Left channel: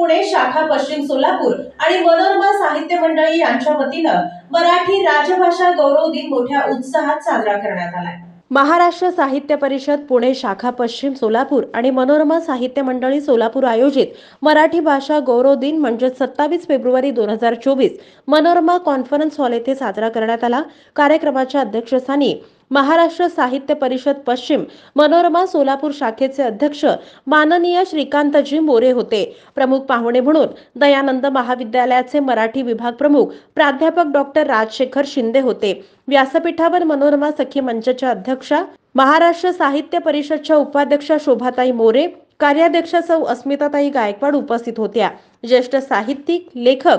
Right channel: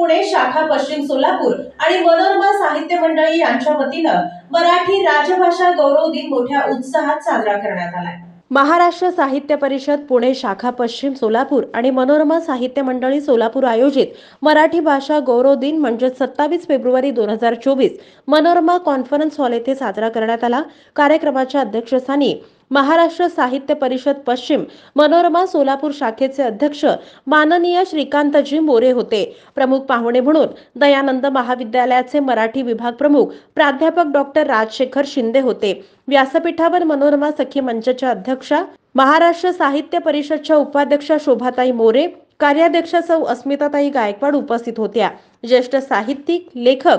पुणे शाखा पश्चिम सोलापूर आणि मनोरमा साहित्य मंडळी यांच्या वतीनं मराठी राजभाषा गौरव दिन मोठ्या उत्साहात साजरा करण्यात आला। महाराष्ट्र साहित्य परिषद पुणे शाखा पश्चिम सोलापूर आणि मनोरमा साहित्य मंडळी सोलापूर आयोजित मराठी भाषा गौरव दिन म्हणजे 27 फेब्रुवारी 2024 मनोरमा कॉन्फरन्स हॉल येथे साजरा करण्यात आला। कार्यक्रमाच्या अध्यक्षस्थानी महाराष्ट्र साहित्य परिषद पश्चिम मनोरमा सोलापूर शाखेचे अध्यक्ष माननीय श्रीकांतजी मोरे होते। प्रमुख पाहुणे म्हणून दयानंद महाविद्यालयाचे मराठी विभाग प्रमुख प्राध्यापक डॉक्टर राजशेखर शिंदे होते। व्यासपीठावर मनोरमा सखी मंचच्या अध्यक्षा, महाराष्ट्र साहित्य परिषदच्या उपाध्यक्षा शोभाताई मोरे, कार्याध्यक्षा सौ अस्मिताताई गायकवाड उपस्थित होत्या। ज्येष्ठ साहित्यिक लेखक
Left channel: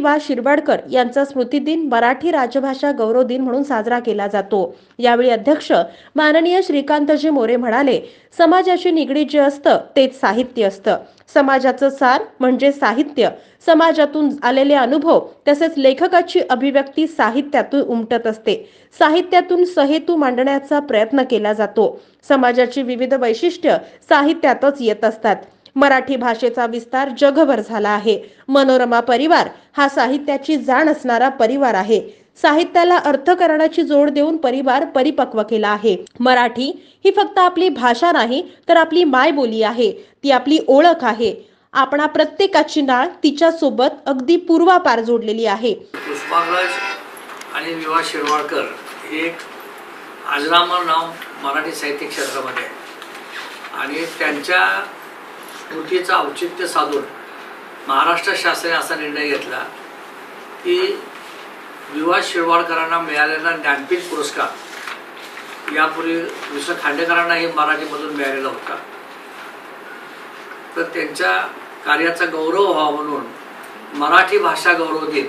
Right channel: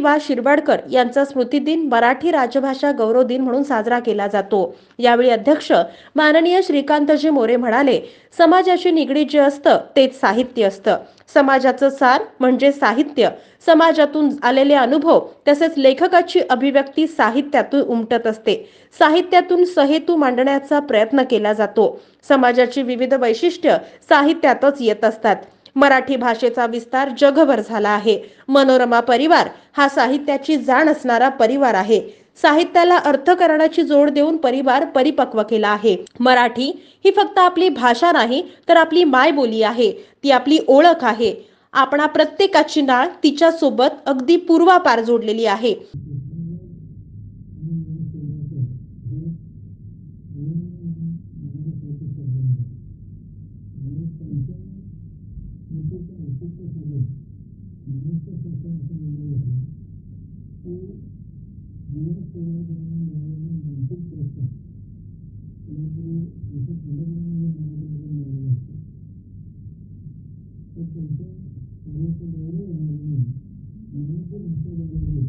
वा शिरवाडकर यांचा स्मृतिदिन मराठी राजभाषा गौरव दिन म्हणून साजरा केला जातो। यावेळी अध्यक्ष माननीय श्रीकांतजी मोरे म्हणाले, समाजाशी निगडीत जे असतं तेच साहित्य असतं। समाजाचं सार म्हणजे साहित्य, समाजातून आलेले अनुभव तसेच लेखकाची अभिव्यक्ती साहित्यातून उमटत असते। साहित्यातून सहेतू मांडण्याचा प्रयत्न केला जातो। समाजाची विविध वैशिष्ट्य साहित्यातच येत असतात। मराठी भाषेचा विस्तार जगभर झाला आहे। मनोरमा परिवार हा साहित्याची जाण असणारा परिवार आहे। साहित्याला अर्थ करण्याची जोड देऊन परिवार परिपक्व केला आहे। मराठी ही फक्त आपली भाषा नाही तर आपली मायबोली आहे, ती आपली ओळख आहे। आपणा प्रत्येकाची नाळ तिच्या सोबत अगदी पूर्वापार जोडलेली आहे। पुष्पाराज आणि विवा शिरवाडकर हे एक अजरामर नाव मराठी साहित्य क्षेत्रामध्ये आणि त्यांच्या स्मृतीचं औचित्य साधून महाराष्ट्र शासनाने असा निर्णय घेतला की विवा शिरवाडकरांना मिळालेला ज्ञानपीठ पुरस्कार यापूर्वी वि. खांडेकरांनाही मराठीमधून मिळालेला होता, तर त्यांच्या कार्याचा गौरव व्हावा म्हणून मराठी भाषा गौरव दिन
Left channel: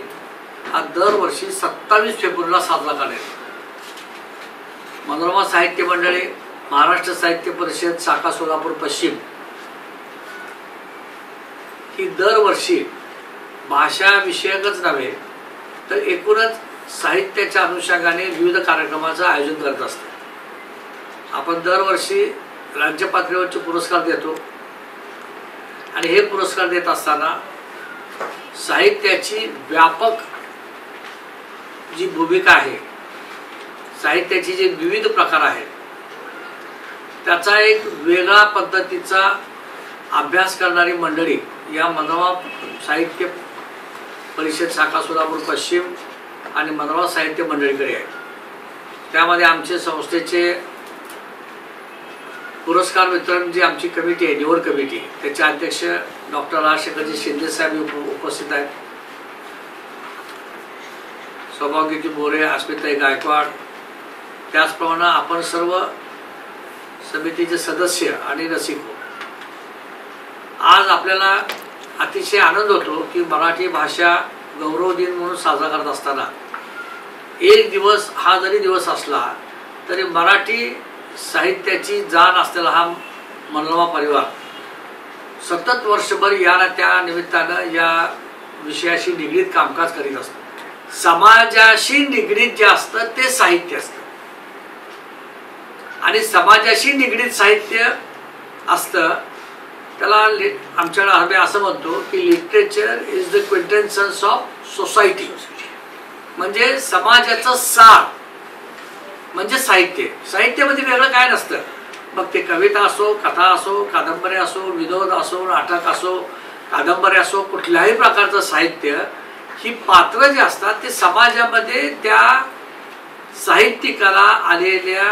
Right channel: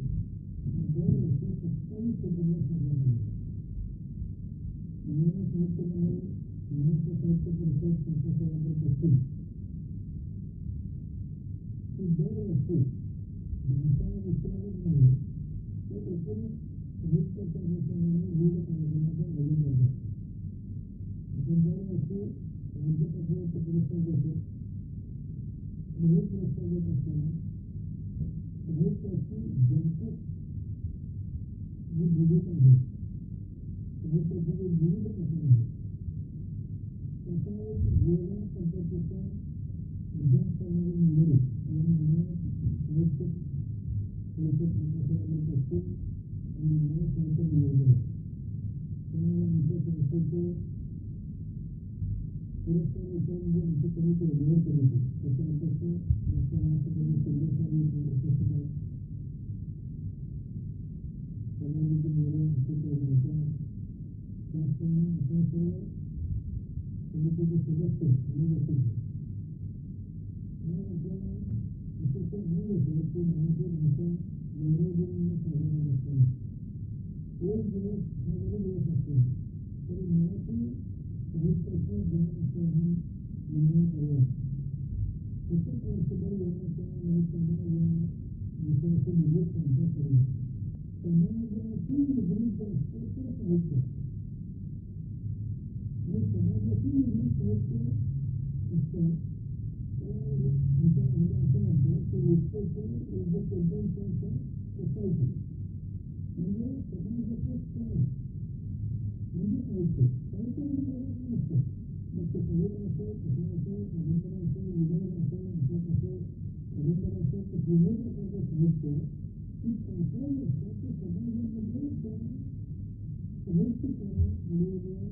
हा दरवर्षी 27 फेब्रुवारीला साजरा करण्यात। मनोरमा साहित्य मंडळी, महाराष्ट्र साहित्य परिषद शाखा सोलापूर पश्चिम ही दरवर्षी भाषा विषयकच नव्हे तर एकूणच साहित्याच्या अनुषंगाने विविध कार्यक्रमाचं आयोजन करत असते। आपण दरवर्षी राज्य पातळीवरचे पुरस्कार देतो आणि हे पुरस्कार देत असताना साहित्याची व्यापक जी भूमिका आहे, साहित्याचे जे विविध प्रकार आहेत त्याचा एक वेगळा पद्धतीचा अभ्यास करणारी मंडळी या मनोरमा साहित्य परिषद शाखा सोलापूर पश्चिम आणि मनोरमा साहित्य मंडळीकडे आहे। त्यामध्ये आमचे संस्थेचे पुरस्कार वितरण जी आमची कमिटी आहे, निवड कमिटी, त्याचे अध्यक्ष डॉक्टर राजशेखरजी शिंदे साहेब उपस्थित आहेत। सौभाग्यजी मोरे, अस्मिताताई गायकवाड, त्याचप्रमाणे आपण सर्व समितीचे सदस्य आणि रसिक हो। आज आपल्याला अतिशय आनंद होतो की मराठी भाषा गौरव दिन म्हणून साजरा करत असताना एक दिवस हा जरी दिवस असला तरी मराठी साहित्याची जाण असलेला हा मनोरमा परिवार सतत वर्षभर या ना त्या निमित्तानं या विषयाशी निगडीत कामकाज करीत असतो। समाजाशी निगडीत जे असतं ते साहित्य असतं आणि समाजाशी निगडीत साहित्य असतं त्याला आमच्याकडे आम्ही असं म्हणतो की literature is the quintessence of society, म्हणजे समाजाचं सार म्हणजे साहित्य। साहित्यामध्ये वेगळं काय नसतं, मग ते कविता असो, कथा असो, कादंबरी असो, विनोद असो, नाटक असो, कादंबरी असो, कुठल्याही प्रकारचं साहित्य ही पात्र जे असतात ते समाजामध्ये त्या साहित्यिकाला आलेल्या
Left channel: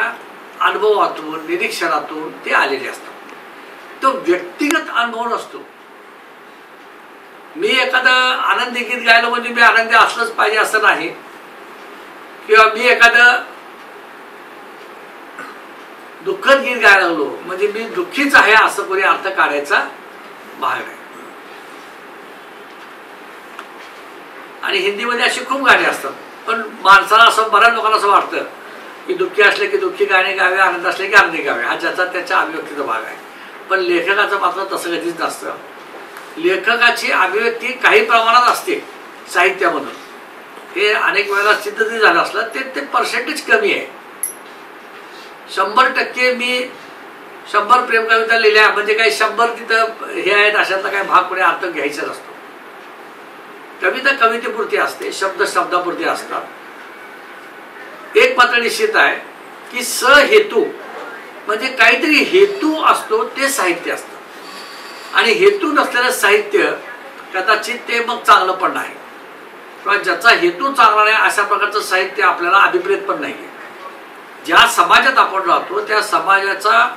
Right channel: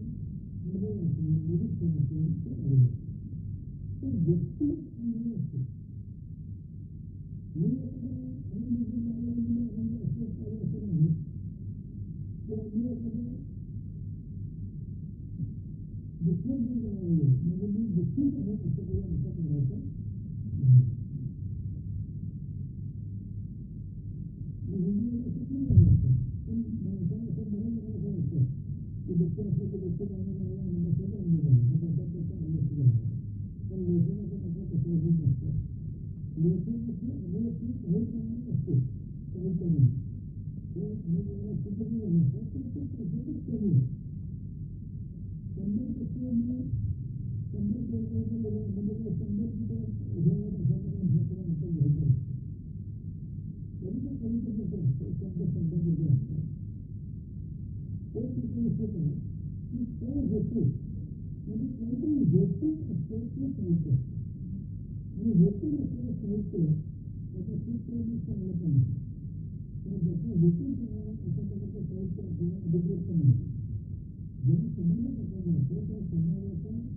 अनुभवातून, निरीक्षणातून ते आलेले असतात। तो व्यक्तिगत अनुभव नसतो। मी एखादं आनंदी गीत गायलो म्हणजे मी आनंदी असलंच पाहिजे असं नाही, किंवा मी एखादं दुःखद गीत गायला लागलो म्हणजे मी दुःखीच आहे असं कोणी अर्थ काढायचा भाग आहे। आणि हिंदीमध्ये अशी खूप गाणी असतात, पण माणसाला असं, बऱ्याच लोकांना असं वाटतं की दुःखी असले की दुःखी गाणे गावे, आनंद असले की आनंदी गावे, हा ज्याचा त्याच्या अभिव्यक्तीचा भाग आहे। पण लेखकाचं मात्र तसं कधीच नसतं। लेखकाची अभिव्यक्ती काही प्रमाणात असते साहित्यामधून, हे अनेक वेळेला सिद्ध जरी झालं असलं ते पर्सेंटेज कमी आहे। 100% मी 100 प्रेमकविता लिहिल्या म्हणजे काही 100 तिथं हे आहेत अशातला काही भाग कोणी अर्थ घ्यायचा नसतो. कविता कवितेपुरती असते, शब्द शब्दापुरती असतात. एक मात्र निश्चित आहे की सहेतू म्हणजे काहीतरी हेतू असतो ते साहित्य असतं. आणि हेतू नसलेलं साहित्य कदाचित ते मग चांगलं पण नाही, किंवा ज्याचा हेतू चांगला नाही अशा प्रकारचं साहित्य आपल्याला अभिप्रेत पण नाही आहे. ज्या समाजात आपण राहतो त्या समाजाचा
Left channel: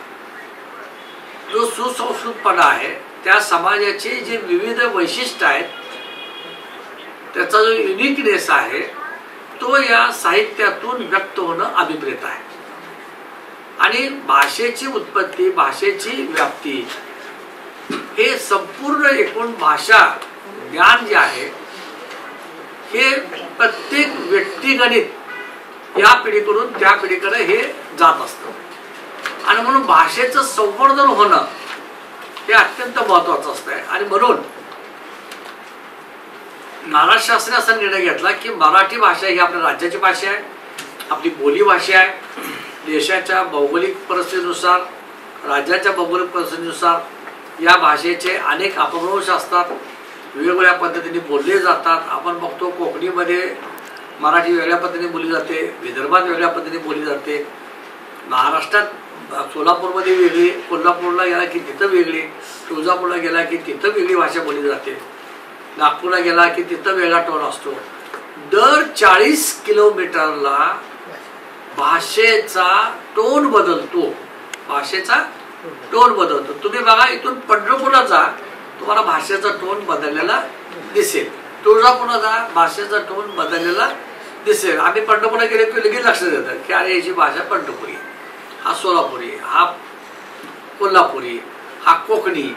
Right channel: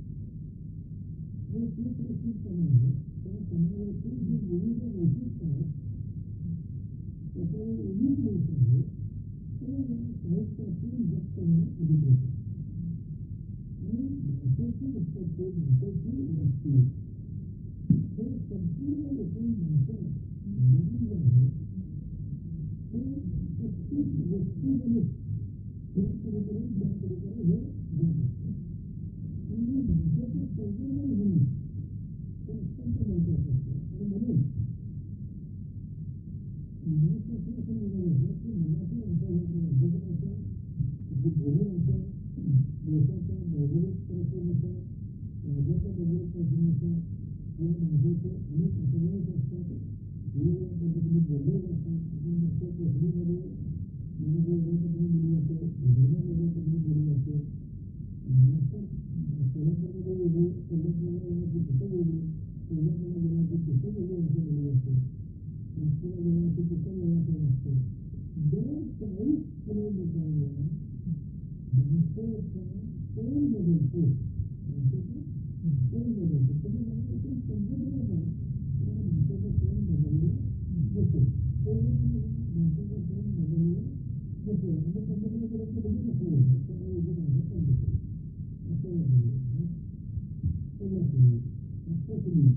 जो सुसंस्कृतपणा आहे, त्या समाजाचे जे विविध वैशिष्ट्य आहेत, त्याचा जो युनिकनेस आहे तो या साहित्यातून व्यक्त होणं अभिप्रेत आहे. आणि भाषेची उत्पत्ती, भाषेची व्याप्ती हे संपूर्ण एकूण भाषा ज्ञान जे आहे हे प्रत्येक व्यक्तिगणित या पिढीकडून त्या पिढीकडे हे जात असतं. आणि म्हणून भाषेचं संवर्धन होणं हे अत्यंत महत्त्वाचं असतं. आणि म्हणून महाराष्ट्र शासनाने असा निर्णय घेतला की मराठी भाषा ही आपल्या राज्याची भाषा आहे, आपली बोली भाषा आहे. देशाच्या भौगोलिक परिस्थितीनुसार, राज्याच्या भौगोलिक परिस्थितीनुसार या भाषेचे अनेक अपभ्रंश असतात, वेगवेगळ्या पद्धतीने बोलले जातात. आपण बघतो कोकणीमध्ये मराठी वेगळ्या पद्धतीने बोलली जाते, विदर्भात वेगळ्या पद्धतीने बोलली जाते, महाराष्ट्रात सोलापूरमध्ये वेगळी, कोल्हापूरला गेला की तिथं वेगळी, तुळजापूरला गेला की तिथं वेगळी भाषा बोलली जाते, नागपूरला गेला की तिथं वेगळा टोन असतो. दर 40 किलोमीटरला भाषेचा टोन बदलतो, भाषेचा टोन बदलतो. तुम्ही बघा, इथून पंढरपूरला जा, तुम्हाला भाषेचा टोन बदललेला दिसेल. तुळजापूरला जा, भाषेचा टोन बदललेला दिसेल. आम्ही पंढरपूरला गेले की लगेच लक्षात येतं की अरे याची भाषा पंढरपुरी, हा सोलापुरी, हा कोल्हापुरी, हा कोकणी.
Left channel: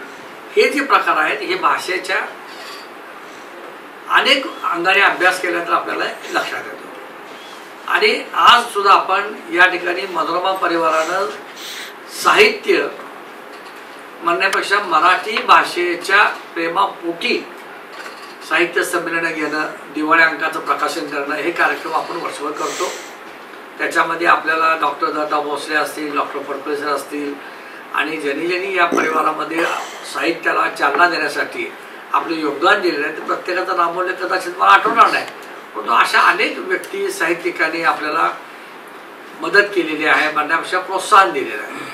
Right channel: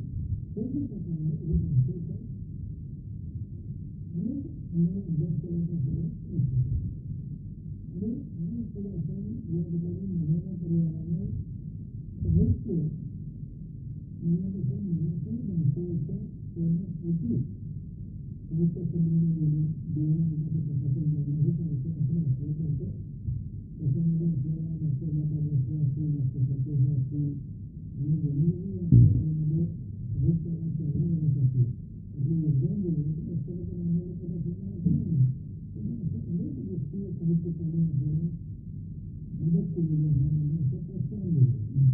हे जे प्रकार आहेत हे भाषेच्या अनेक अंगाने अभ्यास केला तर आपल्याला लक्षात येतो. आणि आज सुद्धा आपण या ठिकाणी मनोरमा परिवारानं साहित्य म्हणण्यापेक्षा मराठी भाषेच्या प्रेमापोटी साहित्य संमेलन घेणं, दिवाळी अंकाचं प्रकाशन करणं हे कार्यक्रम आपण वर्षभर करतो. त्याच्यामध्ये आपल्याला डॉक्टर दत्ता भोसले असतील, डॉक्टर फडकळे असतील आणि ज्यांनी या परिवारामध्ये साहित्याला चालना देण्यासाठी आपले योगदान दिलेलं आहे ते प्रत्येकाचं नामोल्लेख कदाचित मला आठवणार नाही, परंतु अशा अनेक व्यक्ती साहित्यिकांनी आपल्याला मदत केलेली आहे, म्हणण्यापेक्षा प्रोत्साहन दिलेलं आहे.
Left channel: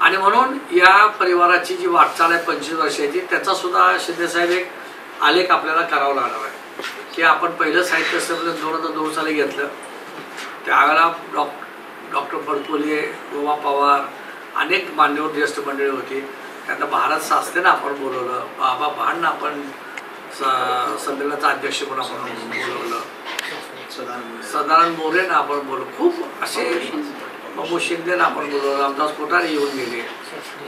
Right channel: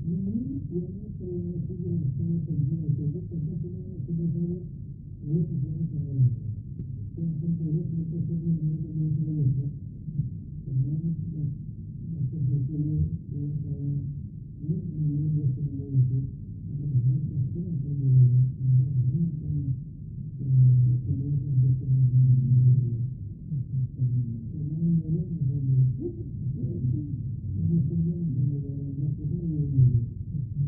आणि म्हणून या परिवाराची जी वाटचाल आहे 25 वर्षाची, त्याचा सुद्धा शिंदेसाहेब एक आलेख आपल्याला करावा लागणार आहे. की आपण पहिलं साहित्य संमेलन 2002 साली घेतलं, त्यावेळेला डॉक्टर फडकुले, गोवा पवार, अनेक मान्यवर ज्येष्ठ मंडळी होती. त्यांना भारत शास्त्रीनं आपण बोलवलं, बाबा भांडनं आपण संमेलनाचा अध्यक्ष म्हणून आपण बोलवलं, सदानंद मोरेनं आपण बोलवलं, खूप असे बाबू शिंदेनं आपण बोलवलं, रामदास कोठारे येऊन गेले.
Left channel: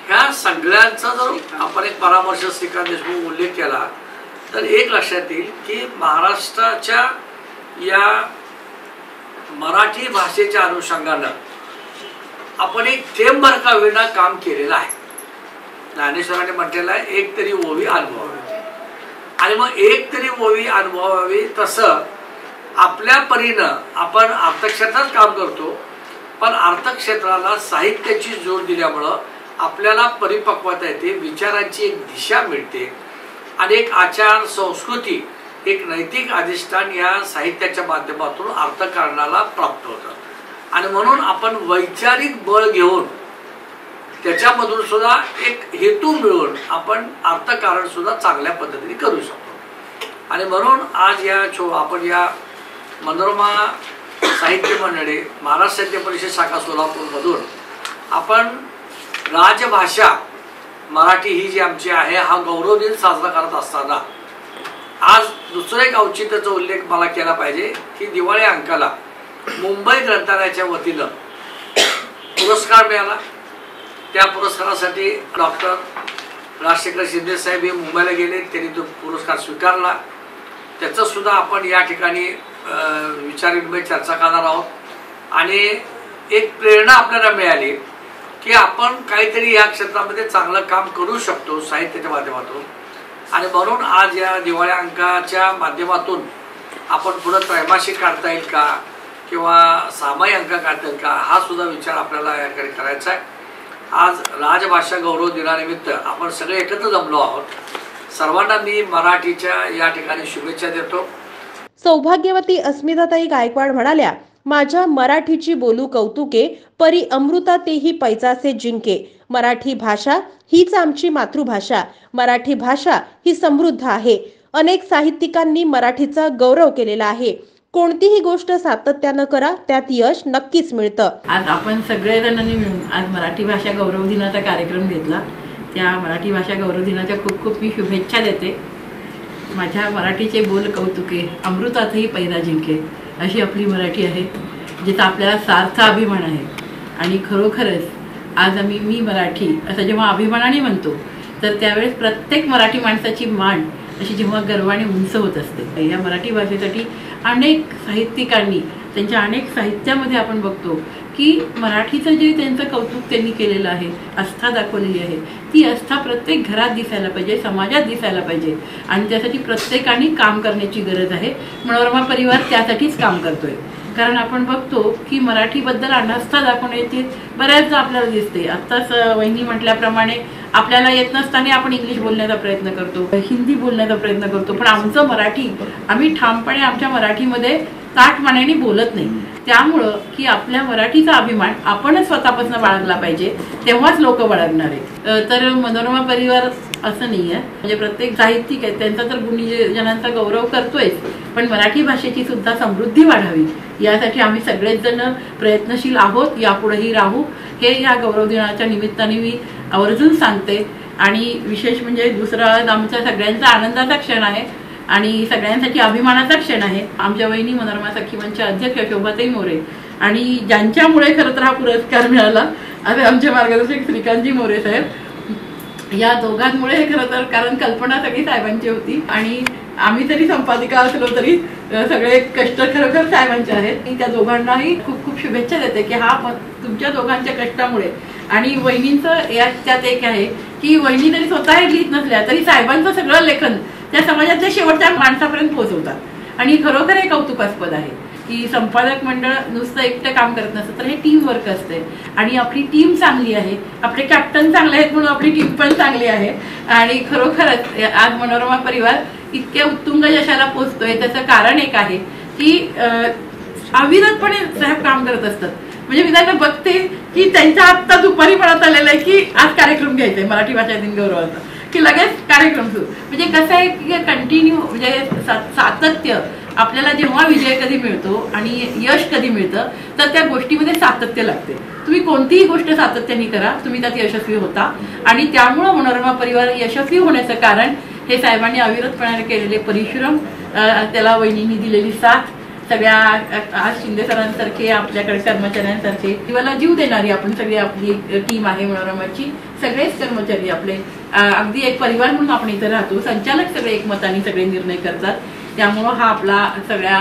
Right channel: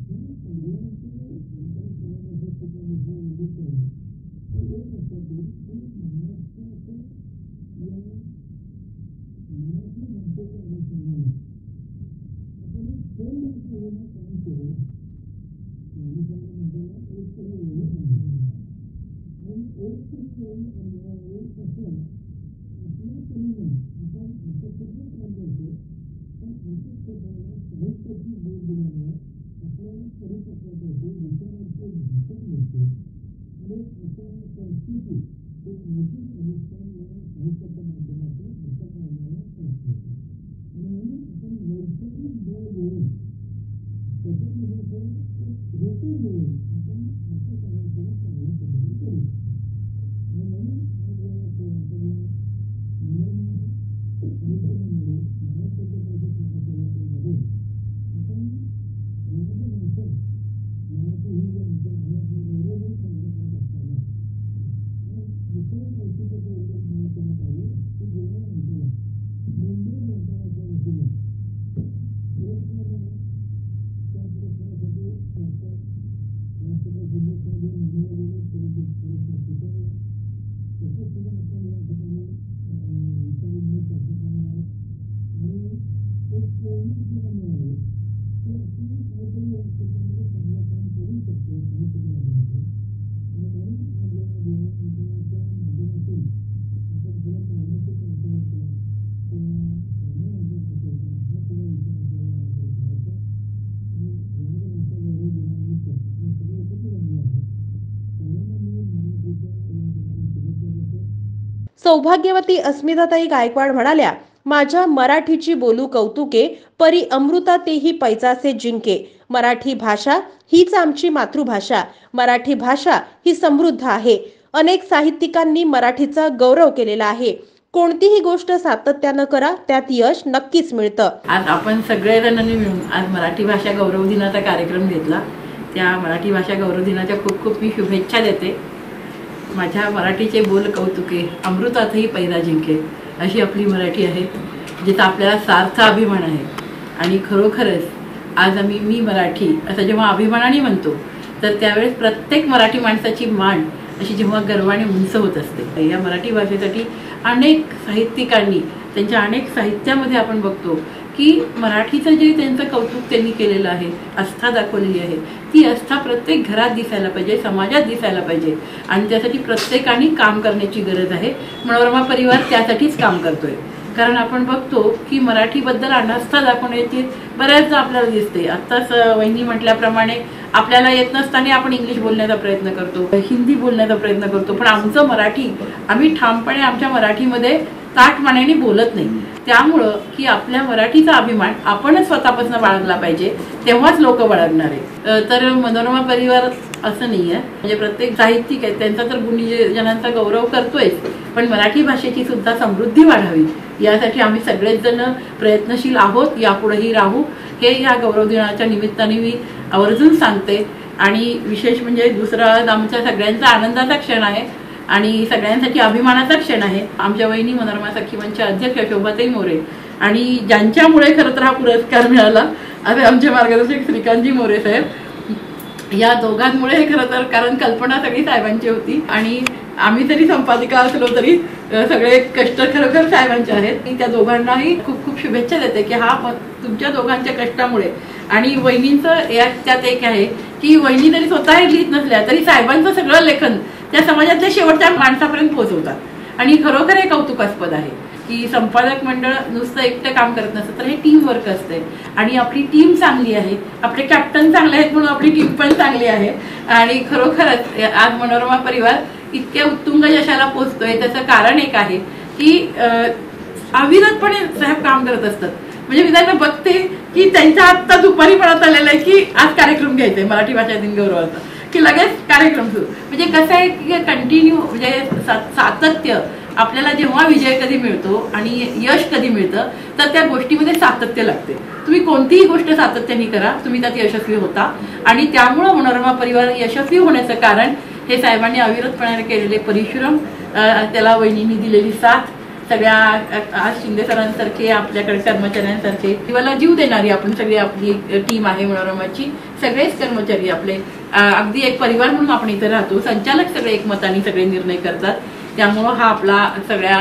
ह्या सगळ्यांचा जर आपण एक परामर्श श्रीकांत देशमुख उल्लेख केला तर एक लक्षात येईल की महाराष्ट्राच्या या मराठी भाषेच्या अनुषंगानं आपण एक थेंबभर का होईना काम केलेलं आहे. ज्ञानेश्वरांनी म्हटलेलं आहे एक तरी ओवी अनुभवावी. आणि मग एक तरी ओवी अनुभवावी तसं आपल्या परीनं आपण अर्थक्षेत्रात काम करतो, पण अर्थक्षेत्राला साहित्याची जोड दिल्यामुळं आपल्याला परिपक्वता येते, विचारांची एक दिशा मिळते आणि एक आचार संस्कृती, एक नैतिक अधिष्ठान या साहित्याच्या माध्यमातून अर्थकारणाला प्राप्त होतं. आणि म्हणून आपण वैचारिक बळ घेऊन त्याच्यामधून सुद्धा एक हेतू मिळवून आपण अर्थकारण सुद्धा चांगल्या पद्धतीने करू शकतो. आणि म्हणून आज आपण या मनोरमा साहित्य मंडळी, महाराष्ट्र साहित्य परिषद शाखा सोलापूरमधून आपण राजभाषा मराठी ही जी आमची आहे हा गौरव दिन साजरा करत असताना आज दुसरं एक औचित्याचा उल्लेख मला केला पाहिजे की दिवाळी अंकाला मुंबई ग्रंथालयाच्या वतीनं पुरस्कार मिळाला. त्या पुरस्कारासाठी डॉक्टर राजशेखर शिंदेसाहेब हे मुंबईला गेले, त्यांनी तो पुरस्कार स्वीकारला. त्याचं सुद्धा आपण या ठिकाणी विचारविनिमय चर्चा करणार आहोत. आणि एक प्रेरणा आपल्याला मिळाली की आपण काहीतरी या क्षेत्रामध्ये चांगलं काम करू शकतो साहित्याच्या माध्यमातून. आणि म्हणून आज या दिवाळी अंकाच्या माध्यमातून आपण पुढं त्रैमासिक काढता येईल का किंवा सामायिक अंक काढता येईल का हा सुद्धा विचार आपल्याला या ठिकाणी करायचा आहे. आज राजभाषा गौरव दिनानिमित्त आपण सगळे एकत्र जमलो आहोत। सर्वांना मी मराठीच्या या ठिकाणी शुभेच्छा देतो। सौभाग्यवती अस्मिताताई गायकवाड म्हणाल्या, माझ्या मराठीची बोलू कौतुके, परी अमृता तेही पैजाचे जिंके। मराठी भाषा हीच आमची मातृभाषा। मराठी भाषा ही समृद्ध आहे। अनेक साहित्यिकांनी मराठीचा गौरव केलेला आहे। कोणतीही गोष्ट सातत्याने करा, त्यात यश नक्कीच मिळतं। आज आपण सगळेजणांनी मिळून आज मराठी भाषा गौरव दिनाचा कार्यक्रम घेतला। त्या मराठी भाषा गौरव दिनाच्या खूप खूप मी शुभेच्छा देते। माझ्या मराठीचे बोल कौतुके, अमृतातही पैजा जिंके, अशी आपली मराठी आहे, जिचा आपल्याला सार्थ अभिमान आहे। आणि खरोखरच आज मी मराठी असं जेव्हा अभिमानाने म्हणतो, तर त्यावेळेस प्रत्येक मराठी माणसाची मान अशी जेव्हा गर्वाने उंच होत असते। या मराठी भाषेसाठी अनेक साहित्यिकांनी त्यांच्या अनेक साहित्यामध्ये आपण बघतो की मराठीचं जे त्यांचं कौतुक त्यांनी केलेलं आहे, आस्था दाखवलेली आहे, ती आस्था प्रत्येक घरात दिसायला पाहिजे, समाजात दिसायला पाहिजे। आणि त्यासाठी प्रत्येकाने काम करण्याची गरज आहे। मनोरमा परिवार त्यासाठीच काम करतोय। कारण आपण बघतो की मराठीबद्दल अनास्था दाखवण्याची बऱ्याचदा आपल्याला दिसते। आत्ताच वहिनी म्हटल्याप्रमाणे आपल्याला येत नसताना आपण इंग्लिश बोलण्याचा प्रयत्न करतो, हिंदी बोलण्याचा प्रयत्न करतो, पण आमचं मराठी आम्ही ठामपणे आमच्या मराठीमध्ये ताठमानेने बोलत नाही। त्यामुळं की आपल्या मराठीचा अभिमान आपणच स्वतःपासून बाळगला पाहिजे, तेव्हाच लोक बाळगणार आहे। तर मनोरमा परिवार असं नाही आहे, म्हणजे प्रत्येक साहित्यिक आहे त्यांचा तर गुणीजनांचा गौरव करतोय, पण मराठी भाषेची सुद्धा समृद्धी वाढावी यासाठी आम्ही सगळेच जण प्रयत्नशील आहोत, यापुढेही राहू, हे या गौरव दिनाच्या निमित्ताने मी आवर्जून सांगते। आणि विशेष म्हणजे दुसरा आमच्या सगळ्यांचा आनंदाचा क्षण आहे आणि सगळ्यांसाठी अभिमानाचा क्षण आहे। आमच्या वहिनी मनोरमा सखी मंच अध्यक्ष शोभाताई मोरे आणि ज्यांच्यामुळे खरं तर हा पुरस्कार मिळाला, असे आमचे मार्गदर्शक श्रीकांतजी मोरे साहेब, या दोघांमुळे हे खरं तर, कारण कल्पना सगळी साहेबांची होती आणि आम्ही तरी संपादिका असलो तरी सगळे कष्ट खरोखर साहेबांचे आहेत। मी त्या दोघांनाही खूप खूप शुभेच्छा देते की हा तुमच्या दोघांच्या कष्टामुळे। आणि वहिनींचं त्यात एक आहे की वहिनी जरी स्वतः लिहित नसल्या तरी साहेबांचं सगळं लेखन त्या समाजातल्या शेवटच्या माणसापर्यंत पोहोचवतात आणि खरोखर हे कौतुकास्पद आहे की संपादक मंडळ नुसतं एकटं काम करत नसतं, तर हे टीम वर्क असते आणि आपली टीम चांगली आहे, आपले कॅप्टन चांगले आहेत म्हणून आपली टीम पण चांगली आहे। आणि खरोखरच आज मनोरमा परिवार इतक्या उत्तुंग यशाला पोहोचतोय, त्याचं कारण एक आहे की अविरतपणे साहेब काम करत असतात। म्हणजे मी त्यांना बघते की त्यांच्या आत्ता दुपारी म्हणत आलेलं आहे की आज कार्यक्रम घ्यायचा आहे मराठी भाषा दिन गौरवाचा, की लगेच कार्यक्रम सुरू। म्हणजे कसं आहे की कंटिन्यू म्हणजे सातत्य, आपल्याला जेव्हा विजय कधी मिळतो आणि यश कधी मिळतं तर त्या गोष्टीमध्ये सातत्य लागते। तुम्ही कोणतीही गोष्ट सातत्याने करा, तुम्ही त्यात यशस्वी होता। आणि त्यामुळं मनोरमा परिवार यशस्वी होण्याचं कारण हे साहेबांनी अविरतपणे केलेले परिश्रम, त्याला वहिनींनी दिलेली साथ, सगळ्या आज शिंदे सरांसारखे आपल्याकडे कर्मचाऱ्यांसारखे जीवाला जीव देणारी आपण सगळी आपली टीम आहे मनोरमाची। सगळेच कर्मचारी आपले अगदी एक परिवार म्हणून आपण इथे राहतो। संचालक सगळे एकमताने सगळे निर्णय करतात, त्यामुळं हा आपला सगळ्या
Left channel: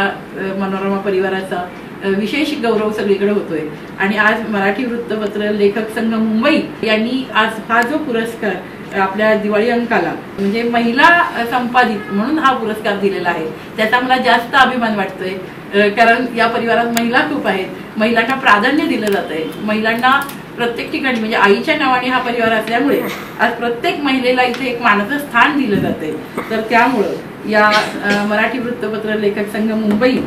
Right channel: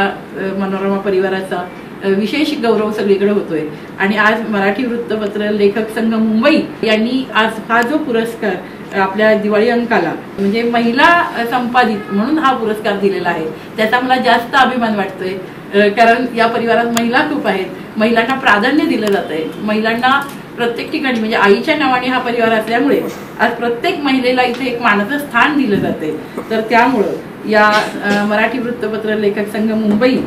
मनोरमा परिवाराचा विशेष गौरव सगळीकडे होतोय। आणि आज मराठी वृत्तपत्र लेखक संघ मुंबई यांनी आज हा जो पुरस्कार आपल्या दिवाळी अंकाला म्हणजे महिला संपादित म्हणून हा पुरस्कार दिलेला आहे, त्याचा मला जास्त अभिमान वाटतोय। कारण या परिवारात महिला खूप आहेत, महिलांना प्राधान्य दिलं जात आहे, महिलांना प्रत्येक ठिकाणी म्हणजे आईच्या नावाने हा परिवार असल्यामुळे आज प्रत्येक महिलेला इथे एक मानाचं स्थान दिलं जाते। तर त्यामुळं या मराठी वृत्तपत्र लेखक संघ मुंबई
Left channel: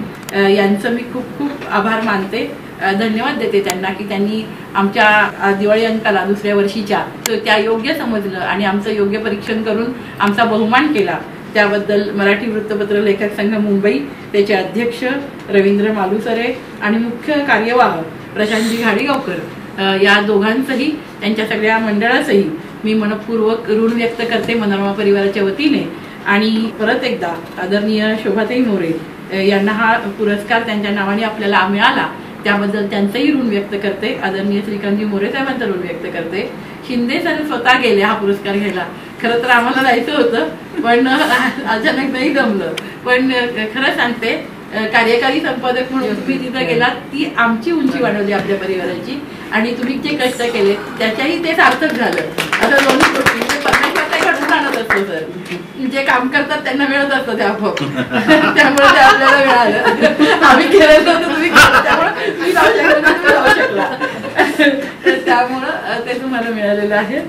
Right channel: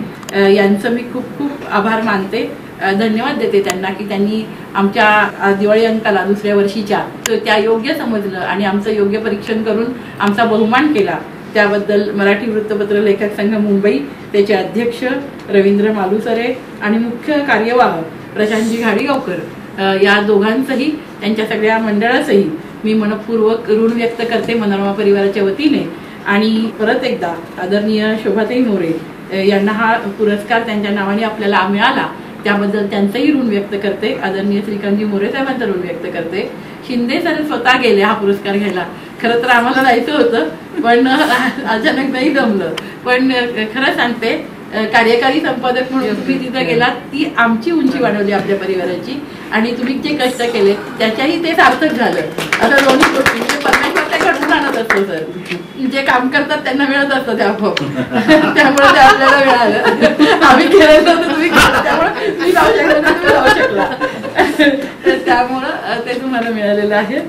यांचं मी खूप खूप आभार मानते, धन्यवाद देते त्यांना की त्यांनी आमच्या दिवाळी अंकाला दुसऱ्या वर्षीच्या त्या योग्य समजलं आणि आमचं योग्य परीक्षण करून आमचा बहुमान केला। त्याबद्दल मराठी वृत्तपत्र लेखक संघ मुंबई, त्याचे अध्यक्ष रवींद्र मालुसरे आणि मुख्य कार्यवाह प्रशांतजी घाडीगावकर या दोघांचंही, त्यांच्या सगळ्या मंडळाचंही मी मनपूर्वक ऋण व्यक्त करते मनोरमा परिवाराच्या वतीने। आणि परत एकदा आदरणीय शोभाताई मोरे यांना हा पुरस्कार त्यांच्या नावाने आपल्याला मिळाला, त्याबद्दल त्यांचंही ऋण व्यक्त करते। आदरणीय श्रीकांतजी मोरे साहेबांचं ऋण व्यक्त करते। शिंदे सर स्वतः गेले हा पुरस्कार घ्यायला, खरं तर आम्हाला जायचं होतं पण अचानक नाही जमलं। पण खरं सांगते, कार्यकारी संपादक म्हणून तुम्ही तिथे गेलात, ती आमची उंची वाढवली आपल्या परिवाराची आणि तुम्ही जे कष्ट केले त्याच्याही ते सार्थक झालं। आता दोन्ही गोष्टी म्हणजे परमेश्वर ते घडून आणत असतो सर, जे काम करतात त्यांना मिळत असतं ते आपोआप, त्यामुळे ते आपल्याला मिळालं। आम्ही केलं तर तुम्ही, त्यामुळे तुम्ही जाऊ शकला, तुम्ही जाऊ शकला। तर त्यामुळं ते तुम्हाला मिळालेलं आहे.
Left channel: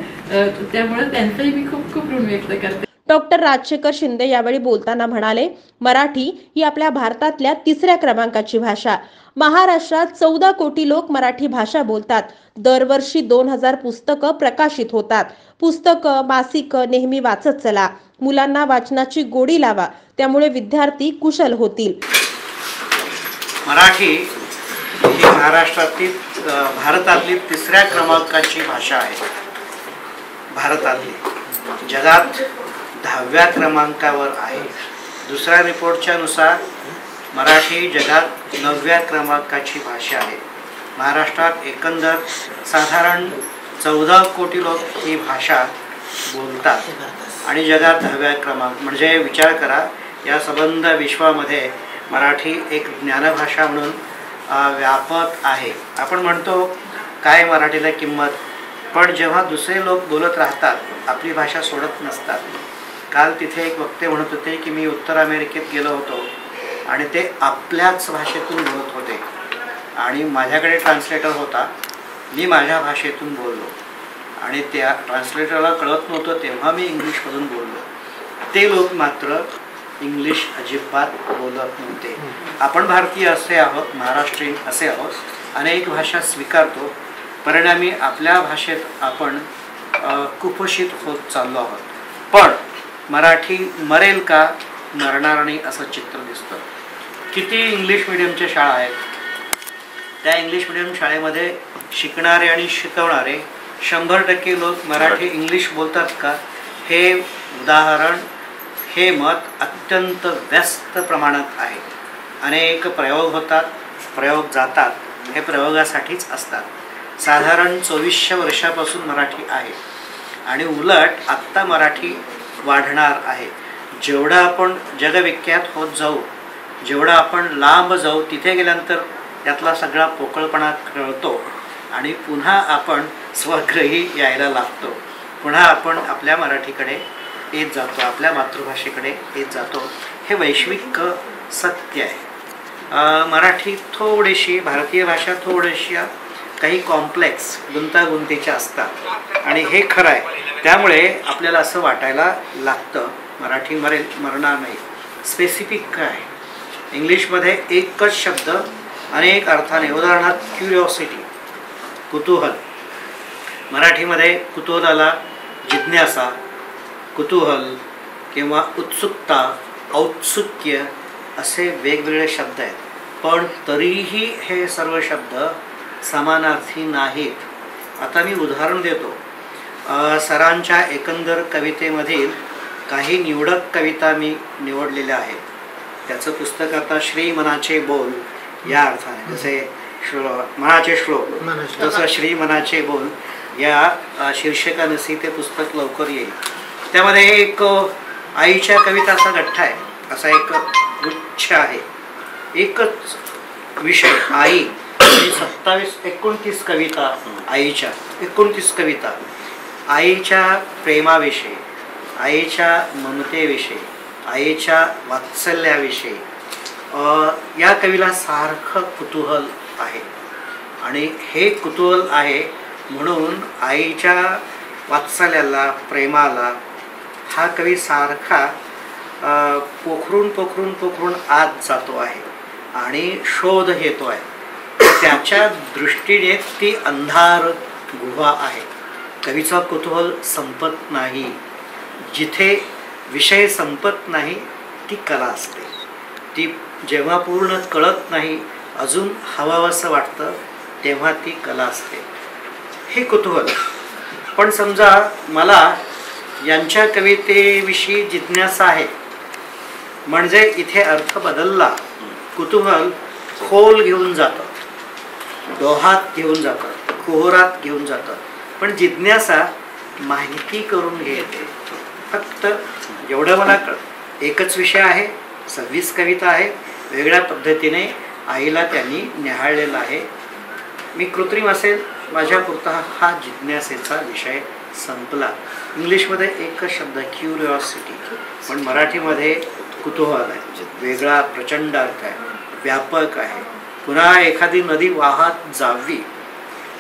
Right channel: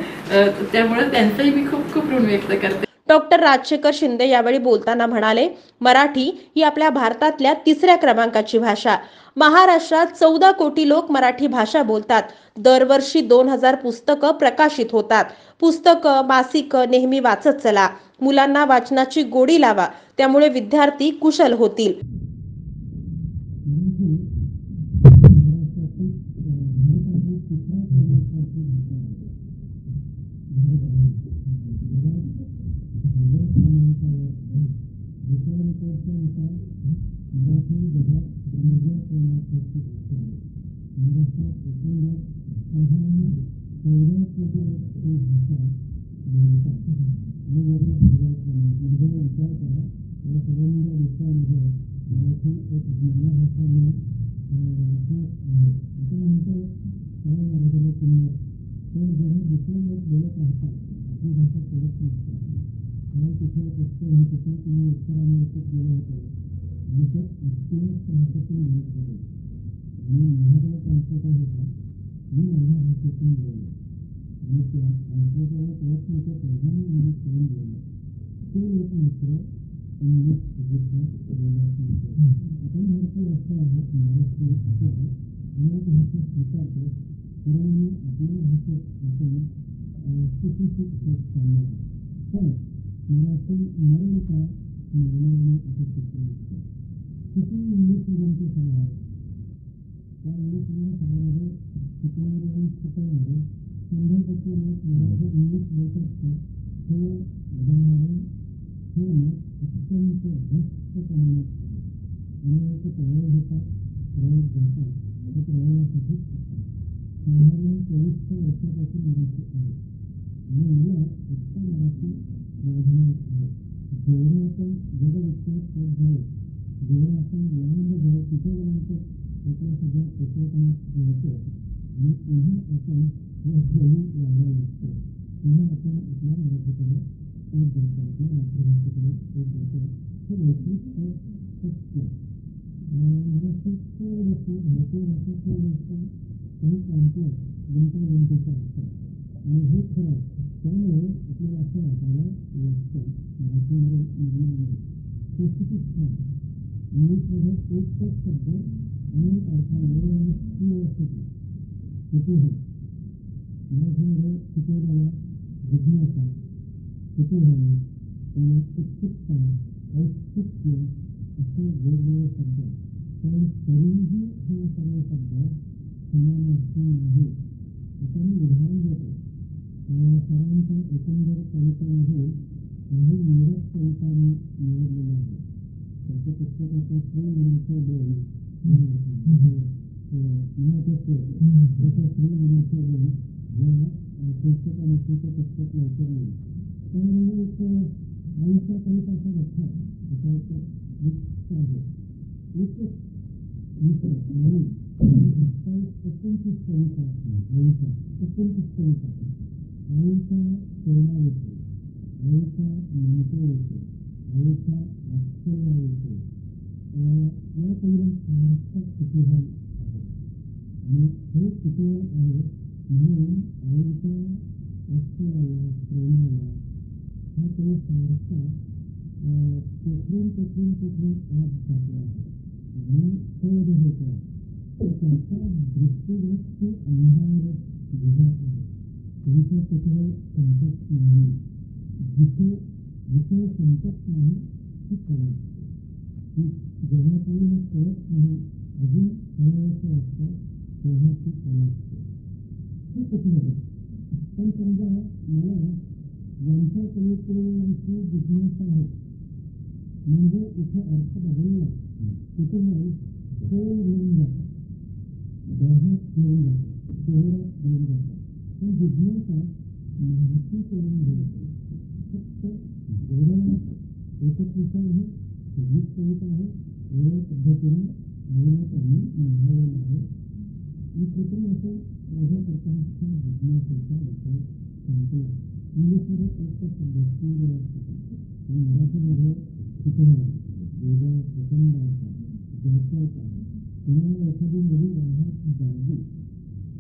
त्यामुळे त्यांचंही मी खूप खूप ऋण व्यक्त करते. डॉक्टर राजशेखर शिंदे यावेळी बोलताना म्हणाले, मराठी ही आपल्या भारतातल्या 3ऱ्या क्रमांकाची भाषा. महाराष्ट्रात 14 कोटी लोक मराठी भाषा बोलतात. दरवर्षी 2000 पुस्तकं प्रकाशित होतात. पुस्तकं, मासिकं नेहमी वाचत चला. मुलांना वाचनाची गोडी लावा, त्यामुळे विद्यार्थी कुशल होतील. मराठी ही महाराष्ट्रातील भारतातली 3ऱ्या क्रमांकाची भाषा आहे. भारतातली जगात 10व्या क्रमांकावर आहे. दुसऱ्या रिपोर्टच्या नुसार मराठी जगात 9व्या क्रमांकाची भाषा आहे. महाराष्ट्रात एकंदर साधारण 14 कोटी लोक ही भाषा बोलतात आणि जगात 10व्या क्रमांक. म्हणजे विचार करा, या संबंध विश्वामध्ये मराठी एक ज्ञानभाषा म्हणून व्यापक आहे. आपण म्हणतो काय मराठीला किंमत, पण जेव्हा दुसरे लोक बोलत राहतात आपली भाषा सोडत नसतात. काल तिथे एक वक्ते म्हणत होते की मी उत्तर अमेरिकेत गेलो होतो आणि ते आपल्याच भाषेतून बोलत होते आणि माझ्याकडे ट्रान्सलेटर होता. मी माझ्या भाषेतून बोललो आणि त्या ट्रान्सलेटरला कळत नव्हतं तेव्हा मी इंग्लिशमधून बोललो. ते लोक मात्र इंग्लिश अजिबात बोलत नव्हते. आपण भारतीय असे आहोत, महाराष्ट्रीयन असे आहोत, अनेक भाषा स्वीकारतो, परिणामी आपल्या भाषेत आपण कुपोषित होत चाललो आहोत. पण मराठी मरेल का, मरणार नाही असं चित्र दिसतं. किती इंग्लिश मिडियमच्या शाळा आहेत, त्या इंग्लिश मिडियम शाळेमध्ये शिकणारे आणि शिकवणारे 100% लोक मराठी इंग्लिश बोलतात का, हे उदाहरण, हे मत अत्यंत व्यस्त प्रमाणात आहे. अनेक प्रयोग होतात, प्रयोग जातात, हे प्रयोगासाठीच असतात. साधारण 2400 वर्षापासून मराठी आहे आणि उलट आत्ता मराठी वाढणार आहे. जेवढं आपण जगविख्यात होत जाऊ, जेवढं आपण लांब जाऊ, तिथे गेल्यानंतर त्यातला सगळा पोकळपणा कळतो आणि पुन्हा आपण स्वग्रही यायला लागतो. पुन्हा आपण आपल्या मराठीकडे येत जातो, आपल्या मातृभाषेकडे येत जातो. हे वैश्विक सत्य आहे. मराठी थोडीशी, भारतीय भाषा थोड्याशा काही कॉम्प्लेक्स, गुंतागुंतीच्या असतात आणि हे खरं आहे. त्यामुळे आपल्याला असं वाटायला लागतं मराठी मरेल, मरणार नाही. स्पेसिफिक काय, इंग्लिशमध्ये एकच शब्द अनेक अर्थाने, उदाहरणार्थ क्युरिओसिटी, कुतूहल. मराठीमध्ये कुतूहलाला जिज्ञासा, कुतूहल किंवा उत्सुकता, औत्सुक्य असे वेगवेगळे शब्द आहेत. पण तरीही हे सर्व शब्द समानार्थी नाहीत. आता मी उदाहरण देतो. सरांच्या एकंदर कवितेमधील काही निवडक कविता मी निवडलेल्या आहेत. त्याचं पुस्तक आता श्री मनाचे बोल या अर्थाने, जसे मनाचे श्लोक तसं श्री मनाचे बोल या शीर्षकानंही ते पुस्तक लवकर येईल. त्यामध्ये एक आईच्या कविताचा गठ्ठा आहे, असा एक गुच्छ आहे. एकच विषय आई, 29 कविता आईच्या, 29 कविता आईच्या प्रेमाविषयी, आईच्या ममतेविषयी, आईच्या वात्सल्याविषयी. या कवीला सारखं कुतूहल आहे आणि हे कुतूहल आहे म्हणून आईच्या वात्सल्याला, प्रेमाला हा कवी सारखा पोखरून आत जातो आहे आणि शोध घेतो आहे. त्याच्या दृष्टीने ती अंधार गुहा आहे. कवीचा कुतूहल संपत नाही. जिथे विषय संपत नाही ती कला असते. ती जेव्हा पूर्ण कळत नाही, अजून हवावंसं वाटतं, तेव्हा ती कला असते. हे कुतूहल. पण समजा मला यांच्या कवितेविषयी जिज्ञासा आहे, म्हणजे इथे अर्थ बदलला. कुतूहल खोल घेऊन जातं, डोहात घेऊन जातं, कुहरात घेऊन जातं. पण जिज्ञासा माहिती करून घेते. फक्त एवढं मला एकच विषय आहे, 26 कविता आहे, वेगळ्या पद्धतीने आईला त्यांनी निहाळलेला आहे. मी कृत्रिम असेल, माझ्यापुरता हा जिज्ञासेचा विषय संपला. इंग्लिशमध्ये एकच शब्द क्युरिओसिटी, पण मराठीमध्ये कुतूहल आहे. वेगळा प्रचंड अर्थ आहे, व्यापक आहे. पुन्हा एखादी नदी वाहत जावी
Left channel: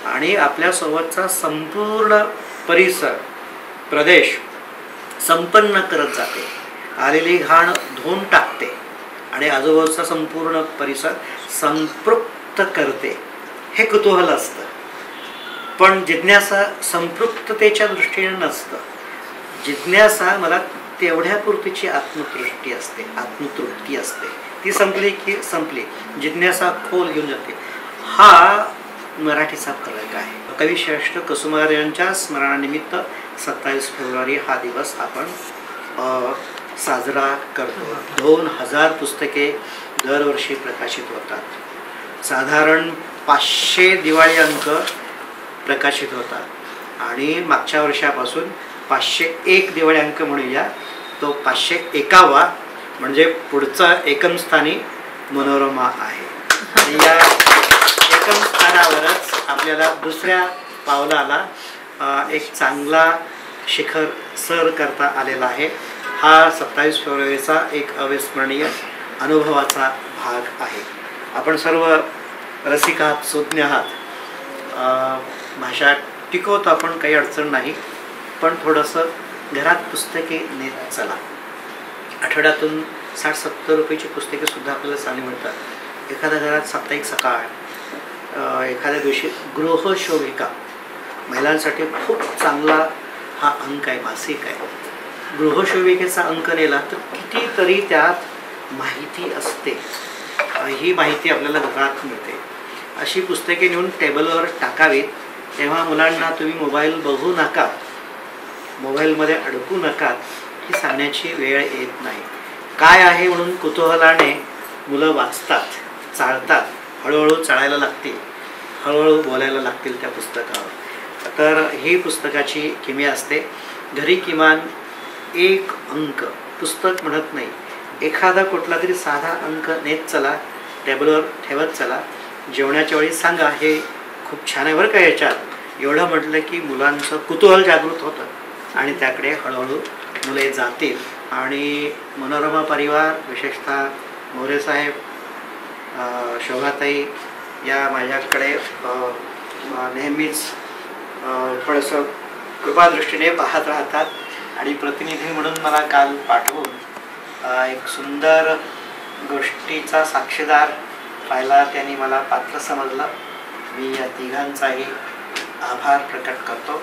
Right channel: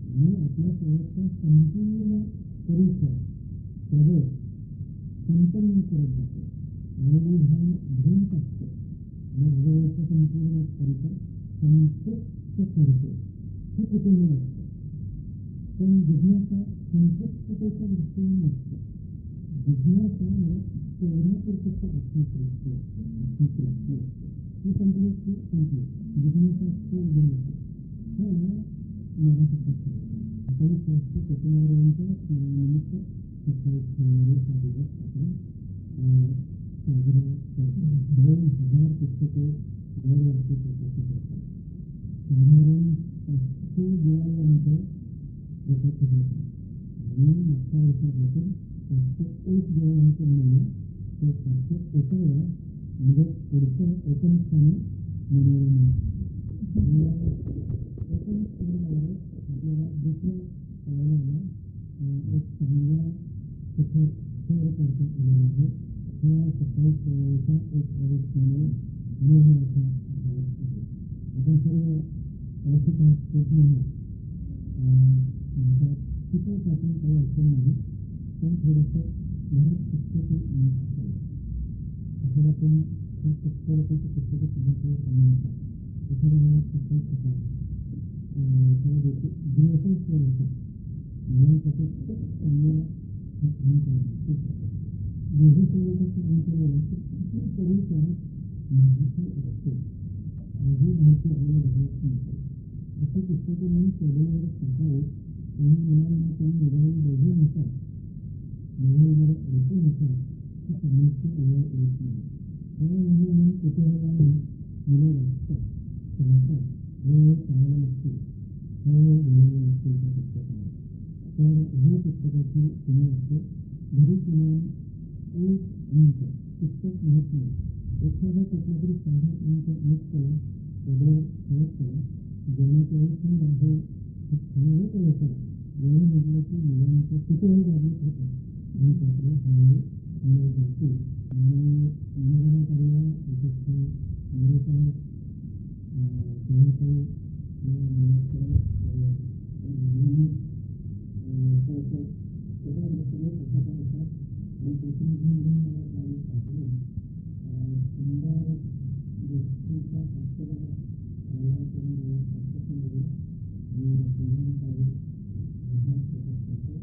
आणि आपल्यासोबतचा संपूर्ण परिसर प्रदेश संपन्न करत जाते, आलेली घाण धुवून टाकते आणि आजूबाजूचा संपूर्ण परिसर संपृक्त करते, हे कुतूहल असतं. पण जिज्ञासा संपृक्ततेच्या दृष्टीने नसतं. जिज्ञासा मला तेवढ्यापुरतीची आत्मतृष्टी असते, आत्मतृप्ती असते. ती संपली की संपली, जिज्ञासा खोल घेऊन जाते. हा मराठीचा फरक आहे. कविश्रेष्ठ कुसुमाग्रज यांच्या स्मरणानिमित्त 27 फेब्रुवारी हा दिवस आपण साजरा करतो. 2000 पुस्तके दरवर्षी प्रकाशित होतात. साधारण 500 दिवाळी अंक प्रकाशित होतात आणि मागच्या वर्षापासून 501 दिवाळी अंक म्हणूया, तो 501वा म्हणजे पुढचा एकम स्थानी मनोरमा आहे. आणि या एकम स्थानावरच आपल्याला दुसऱ्या पावलाला एक चांगला शिखर सर करता आलेला आहे. हा 27 फेब्रुवारीचा एक अविस्मरणीय अनुभवाचा भाग आहे. आपण सर्व रसिक आहात, सुज्ञ आहात. भाषा टिकवतो आपण, काही अडचण नाही. पण थोडंसं घरात पुस्तके नेत चला. आठवड्यातून 60-70 रुपयाची पुस्तकेसुद्धा आपल्याला चांगली मिळतात. एखाद्या घरात साप्ताहिक सकाळ, एखाद्या दिवशी गृहशोभिका, महिलांसाठी खूप चांगला हा अंक आहे, मासिक आहे. गृहशोभिकेचा अंक नेला तर कितीतरी त्यात माहिती असते. ही माहिती आपल्याला घरात मिळते. अशी पुस्तके नेऊन टेबलवर टाकावीत. तेव्हा मुलांना तुम्ही मोबाईल बघू नका, मोबाईलमध्ये अडकू नका, ही सांगण्याची वेळ येत नाही. काय आहे म्हणून कुतूहलाने मुलं वाचतात, चाळतात, हळूहळू चाळायला लागतील, हळूहळू बोलायला लागतील त्या पुस्तकावर. तर ही पुस्तकाची किमया असते. घरी किमान एक अंक, पुस्तक म्हणत नाही, एखादा कुठला तरी साधा अंक नेत चला, टेबलवर ठेवत चला. जेवणाच्या वेळी सांगा, हे खूप छान आहे बरं का. याच्यात एवढं म्हटलं की मुलांचं कुतूहल जागृत होतं आणि त्याकडे हळूहळू मुले जातील. आणि मनोरमा परिवार, विशेषतः मोरेसाहेब, शोभाताई या माझ्याकडे नेहमीच थोडंसं कृपादृष्टीने पाहत राहतात आणि प्रतिनिधी म्हणून मला काल पाठवून एक सुंदर गोष्टीचा साक्षीदार पाहिला. त्यांनी मला पात्र समजलं. मी या तिघांचाही आभार प्रकट करतो.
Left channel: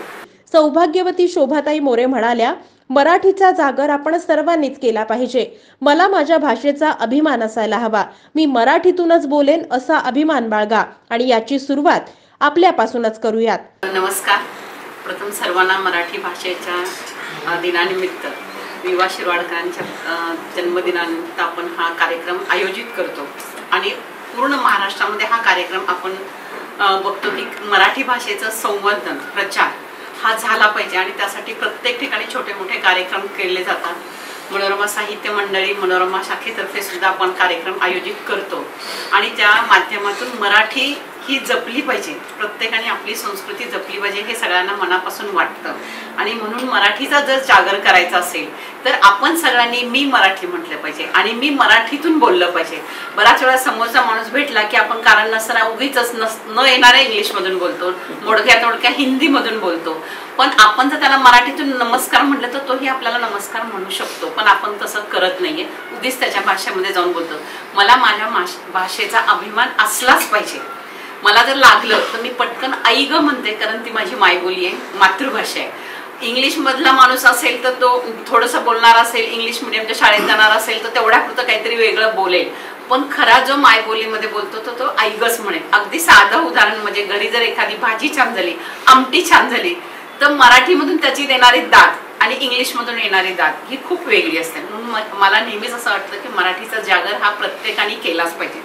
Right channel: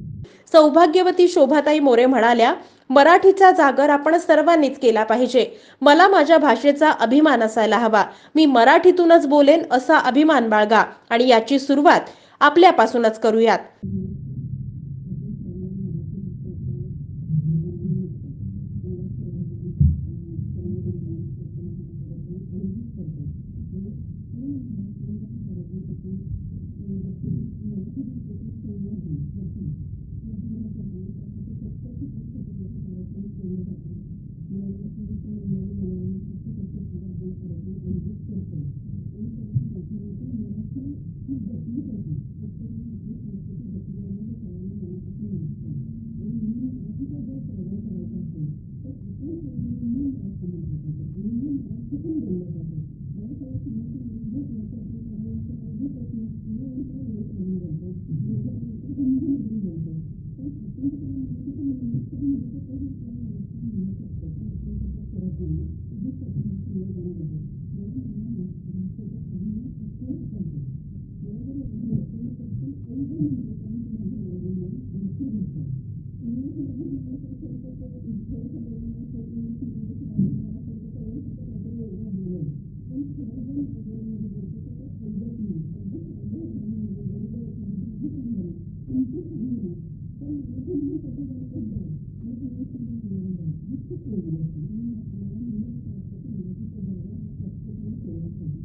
सौभाग्यवती शोभाताई मोरे म्हणाल्या, मराठीचा जागर आपण सर्वांनीच केला पाहिजे. मला माझ्या भाषेचा अभिमान असायला हवा. मी मराठीतूनच बोलेन असा अभिमान बाळगा आणि याची सुरुवात आपल्यापासूनच करूयात. नमस्कार. प्रथम सर्वांना मराठी भाषेच्या दिनानिमित्त, विवा शिरवाडकरांच्या जन्मदिनानिमित्त आपण हा कार्यक्रम आयोजित करतो आणि पूर्ण महाराष्ट्रामध्ये हा कार्यक्रम आपण बघतो की मराठी भाषेचं संवर्धन, प्रचार हा झाला पाहिजे आणि त्यासाठी प्रत्येक ठिकाणी छोटे मोठे कार्यक्रम केले जातात. मनोरमा साहित्य मंडळी, मनोरमा शाखेतर्फे सुद्धा आपण कार्यक्रम आयोजित करतो आणि त्या माध्यमातून मराठी ही जपली पाहिजे, प्रत्येकाने आपली संस्कृती जपली पाहिजे हे सगळ्यांना मनापासून वाटतं. आणि म्हणून मराठीचा जर जागर करायचा असेल तर आपण सगळ्यांनी मी मराठी म्हटलं पाहिजे आणि मी मराठीतून बोललं पाहिजे. बराच वेळा समोरचा माणूस भेटला की आपण कारण नसताना उगीच न येणाऱ्या इंग्लिशमधून बोलतो, मोडक्या तोडक्या हिंदीमधून बोलतो. पण आपण जर त्याला मराठीतून नमस्कार म्हटलं तर तोही आपल्याला नमस्कार म्हणू शकतो. पण आपण तसं करत नाहीये, उगीच त्याच्या भाषेमध्ये जाऊन बोलतो. मला माझ्या भाषेचा अभिमान असलाच पाहिजे. मला जर लागलं तर मी पटकन आई ग म्हणते, कारण ती माझी मायबोली आहे, मातृभाषा आहे. इंग्लिशमधला माणूस असेल तर तो थोडंसं बोलणार असेल, इंग्लिश मिडियमच्या शाळेत जाणार असेल तर तेवढ्यापुरतं काहीतरी वेगळं बोलेल. पण खरा जो मायबोलीमध्ये बोलतो तो आई गच म्हणेल. अगदी साधं उदाहरण म्हणजे घरी जर एखादी भाजी छान झाली, आमटी छान झाली तर मराठीमधून त्याची देणारी दाद आणि इंग्लिशमधून येणारी दाद ही खूप वेगळी असते. म्हणून मला नेहमीच असं वाटतं की मराठीचा जागर हा प्रत्येकाने केलाच पाहिजे.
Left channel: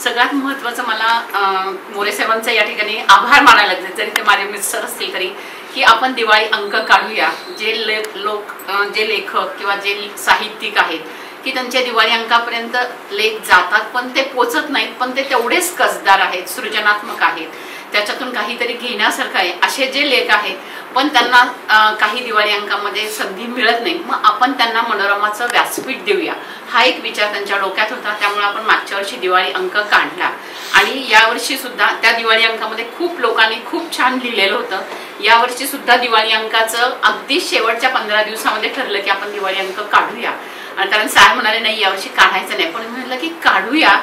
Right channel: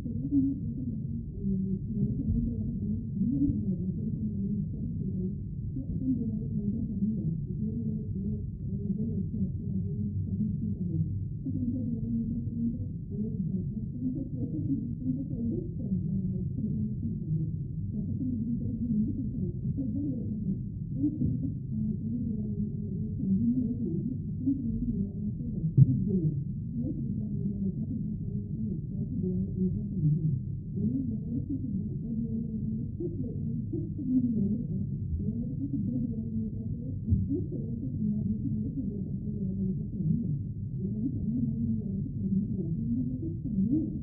सगळ्यात महत्त्वाचं मला मोरेसाहेबांचा या ठिकाणी आभार मानायला लागले, जरी ते माझे मिस्टर असतील तरी, की आपण दिवाळी अंक काढूया. जे जे लेखक किंवा जे साहित्यिक आहेत की त्यांच्या दिवाळी अंकापर्यंत लेख जातात पण ते पोचत नाहीत, पण ते तेवढेच कसदार आहेत, सृजनात्मक आहेत, त्याच्यातून काहीतरी घेण्यासारखं आहे. असे जे लेख आहेत पण त्यांना काही दिवाळी अंकामध्ये संधी मिळत नाही, मग आपण त्यांना मनोरमाचं व्यासपीठ देऊया, हा एक विचार त्यांच्या डोक्यात होता. त्यामुळे आपण मागच्या वर्षी दिवाळी अंक काढला आणि यावर्षी सुद्धा त्या दिवाळी अंकामध्ये खूप लोकांनी खूप छान लिहिलेलं होतं. यावर्षी सुद्धा दिवाळी अंकाचं अगदी शेवटच्या 15 दिवसामध्ये ठरलं की आपण दिवाळी अंक काढूया. आणि कारण साहेब म्हणाले नाही यावर्षी काढायचं नाही, पण मी म्हटलं की काढूया,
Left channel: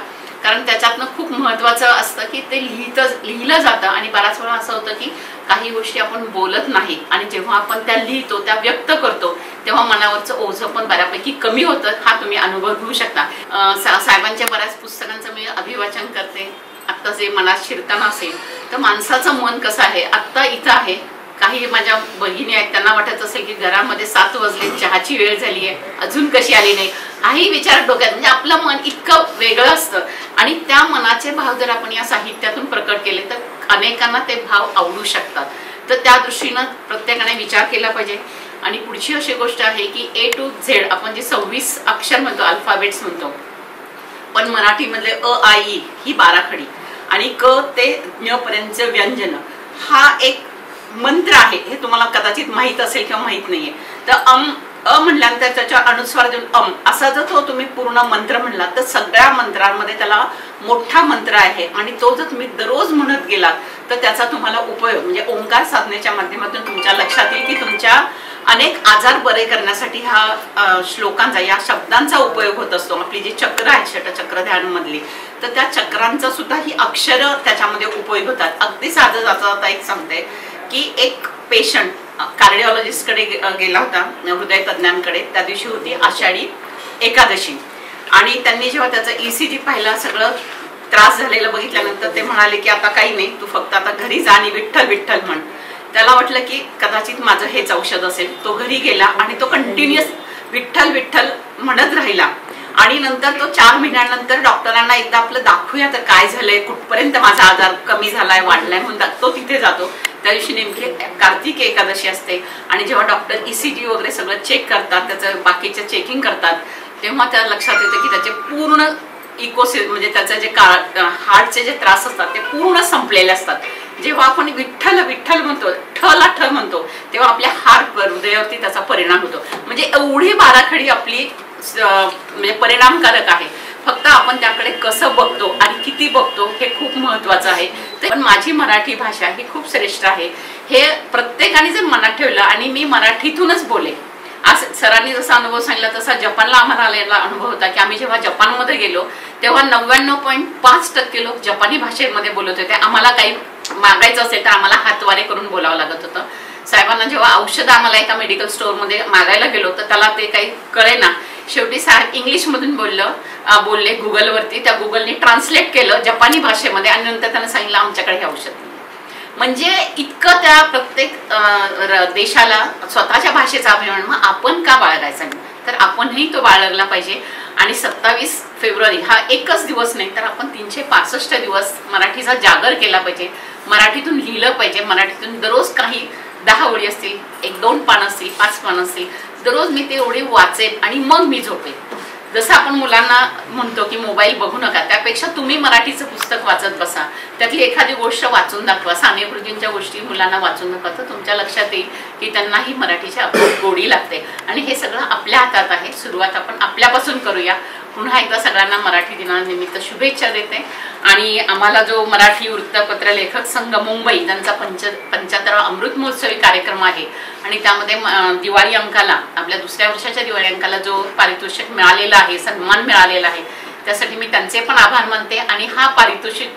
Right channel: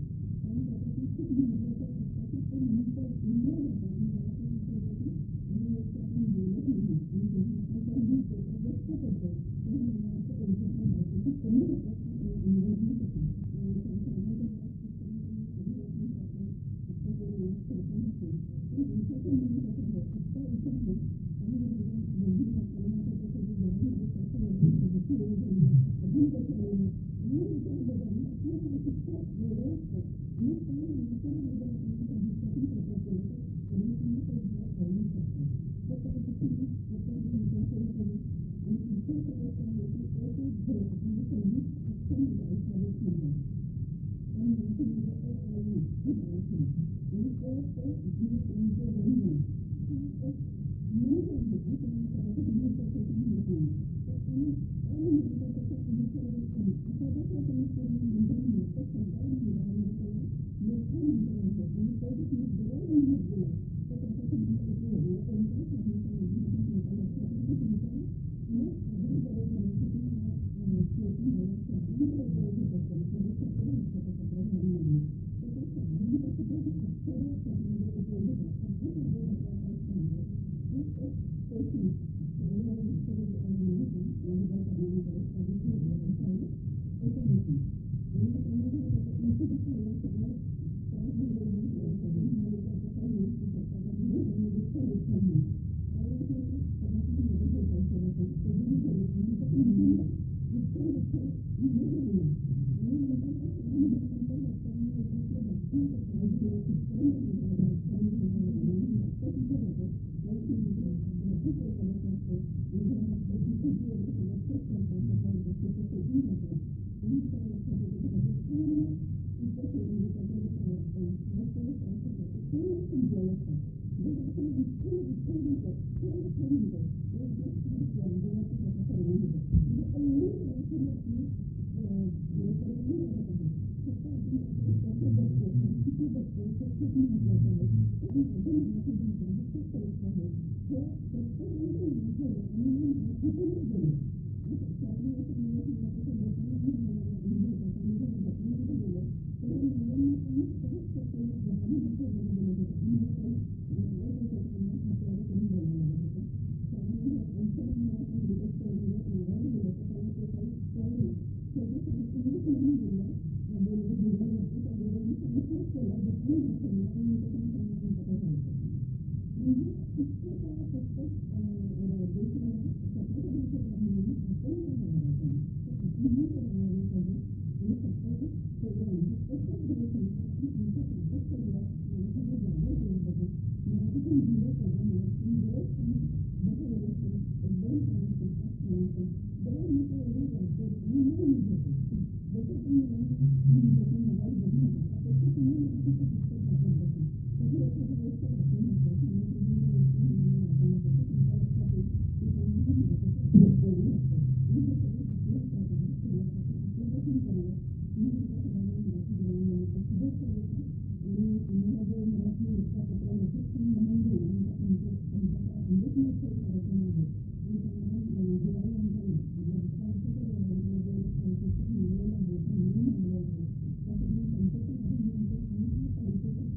कारण त्याच्यातनं खूप महत्त्वाचं असतं की ते लिहिलं जातं. आणि बराच वेळा असं होतं की काही गोष्टी आपण बोलत नाही आणि जेव्हा आपण त्या लिहितो, त्या व्यक्त करतो, तेव्हा मनावरचं ओझं पण बऱ्यापैकी कमी होतं. हा तुम्ही अनुभव घेऊ शकता. साहेबांच्या बऱ्याच पुस्तकांचं मी अभिवाचन करते. आत्ता जे मनात शिरताना असेल तर माणसाचं मन कसं आहे, आत्ता इथं आहे. काही माझ्या बहिणी आहेत, त्यांना वाटत असेल की घरामध्ये 7 वाजले, चहाची वेळ झाली आहे, अजून कशी आली नाही, हाही विचार डोक्यात. म्हणजे आपलं मन इतकं वेगळं असतं आणि त्या मनाचे भाव जर आपण या साहित्यातून प्रकट केले तर अनेकांना ते भाव आवडू शकतात. तर त्या दृष्टीनं प्रत्येकाने विचार केला पाहिजे. आणि पुढची अशी गोष्ट आहे की A to Z आपण जे 26 अक्षर म्हणतो, अल्फाबेट्स म्हणतो, पण मराठीमधले अ आ इ ही 12 खडी आणि क ते ञ पर्यंतचे व्यंजन हा एक मंत्र आहे. हे तुम्हाला कदाचित माहीत असेल किंवा माहीत नाहीये. तर अ म्हणल्यानंतर त्याच्या अनुस्वार देऊन असा जर तो तुम्ही पूर्ण मंत्र म्हणला तर सगळ्या मंत्रांमध्ये त्याला मोठा मंत्र आहे आणि तो जर तुम्ही दररोज म्हणत गेलात तर त्याचा तुम्हाला उपयोग म्हणजे ओंकार साधनेच्या माध्यमातून तुमच्या लक्षात येईल की तुमच्या अनेक आजार बरे करण्यासाठी हा श्लोकांचा, या शब्दांचा उपयोग होत असतो. आपली जी चक्र आहे षटचक्र ध्यान मधली, तर त्या चक्रांचा सुद्धा ही अक्षरं त्याच्यामध्ये उपयोग होतात. अगदी साधं जाता एक सांगते की एक पेशंट कार्डिओलॉजिस्टकडे गेला होता, हृदय तज्ञांकडे. त्या दिवशी होती आषाढी एकादशी आणि त्यांनी जेव्हा त्याचं ECG पाहिला, सगळं त्रास झालेलं बघितल्यानंतर ते म्हणाले की आता काही नाही, तू फक्त आता घरी जा आणि विठ्ठल विठ्ठल म्हण. त्याला वाटलं की कदाचित माझं हेच औषध असेल. तो घरी गेला आणि तो कंटिन्युअस विठ्ठल विठ्ठल म्हणत राहिला आणि नंतर तो 4 महिन्यानंतर डॉक्टरांना एकदा आपलं दाखवूया तर काय झालंय, कुठपर्यंत माझा आजार कमी झालाय, वाढलाय म्हणून तो तिथे जातो. त्या दिवशी नेमकी कार्तिक एकादशी असते आणि जेव्हा डॉक्टर ECG वगैरे सगळं चेक करतात, त्याचं बाकीचं चेकिंग करतात, तेव्हा त्याला लक्षात येतं की त्याचे पूर्ण म्हणजे त्याचं जे हार्टचे जे त्रास असतात ते पूर्ण संपलेले असतात. जेव्हा आपण विठ्ठल विठ्ठल म्हणतो, ठला ठ म्हणतो, तेव्हा आपल्या हार्टवर, हृदयावरती त्याचा परिणाम होतो. म्हणजे एवढी 12 खडी आपली म्हणजे परिणामकारक आहे. फक्त आपण त्याकडे कसं बघतो आणि किती बघतो हे खूप महत्वाचं आहे. पण माझी मराठी भाषा ही खूप श्रेष्ठ आहे हे प्रत्येकाने जर मनात ठेवलं आणि मी मराठीतूनच बोले. आज सरांनी जसा अनुभव सांगितला तसा जपानला आम्हाला आलेला अनुभव होता की आम्ही जेव्हा जपानमध्ये गेलो तेव्हा 99.5% लोक जपानी भाषेमध्ये बोलत होते. आम्हाला काही मागायचं असेल तर आम्हाला हातवारे करून बोलावं लागत होतं. साहेबांना जेव्हा औषध आम्हाला एका मेडिकल स्टोअरमध्ये मागायला गेलो तर त्याला ते काही कळेना. शेवटी साहेब इंग्लिशमधून बोलले गुगलवरती. त्या गुगलने ट्रान्सलेट केलं जपानी भाषेमध्ये आणि नंतर त्यानं सांगितलं आमच्याकडे हे औषध नाही. म्हणजे इतकं त्या प्रत्येक देशाला स्वतःच्या भाषेचा अभिमान. मग आपण का बाळगायचा नाही? तर आपणही तो बाळगला पाहिजे. आणि 27 फेब्रुवारी हा एकच दिवस नाही तर आपण 365 दिवस मराठीचा जागर केला पाहिजे. मराठीतून लिहिलं पाहिजे. मराठीतून दररोज काही 10 ओळी असतील, 1-2 पानं असतील, 5 पानं असतील, दररोज मी ते एवढी वाचेन आणि मग मी झोपेन. जसं आपण मुलांना म्हणतो की मोबाईल बघू नका, त्यापेक्षा तुम्ही मराठीचं पुस्तक वाचत बसा, त्यातली एखादी गोष्ट वाचून दाखवा. साने गुरुजींच्या गोष्टी मुलांना वाचून दाखवा तर तुमच्या लक्षात येईल की त्यांनाही मराठीची गोडी लागते. आणि हे सगळं आपल्या हातात आहे. सुरुवात आपण आपल्यापासून करूया. पुन्हा एकदा सगळ्यांना मराठी दिनानिमित्त शुभेच्छा देते. आणि आम्हाला जो मराठी वृत्तपत्र लेखक संघ मुंबई त्यांचा 75वा अमृत महोत्सवी कार्यक्रम आहे आणि त्यामध्ये दिवाळी अंकाला, आपल्या दुसऱ्या वर्षाच्या दिवाळी अंकाला जो पारितोषिक मिळालेला आहे, सन्मान मिळालेला आहे, त्यासाठी मी त्यांचे पण आभार मानते. आणि हा पारितोषिक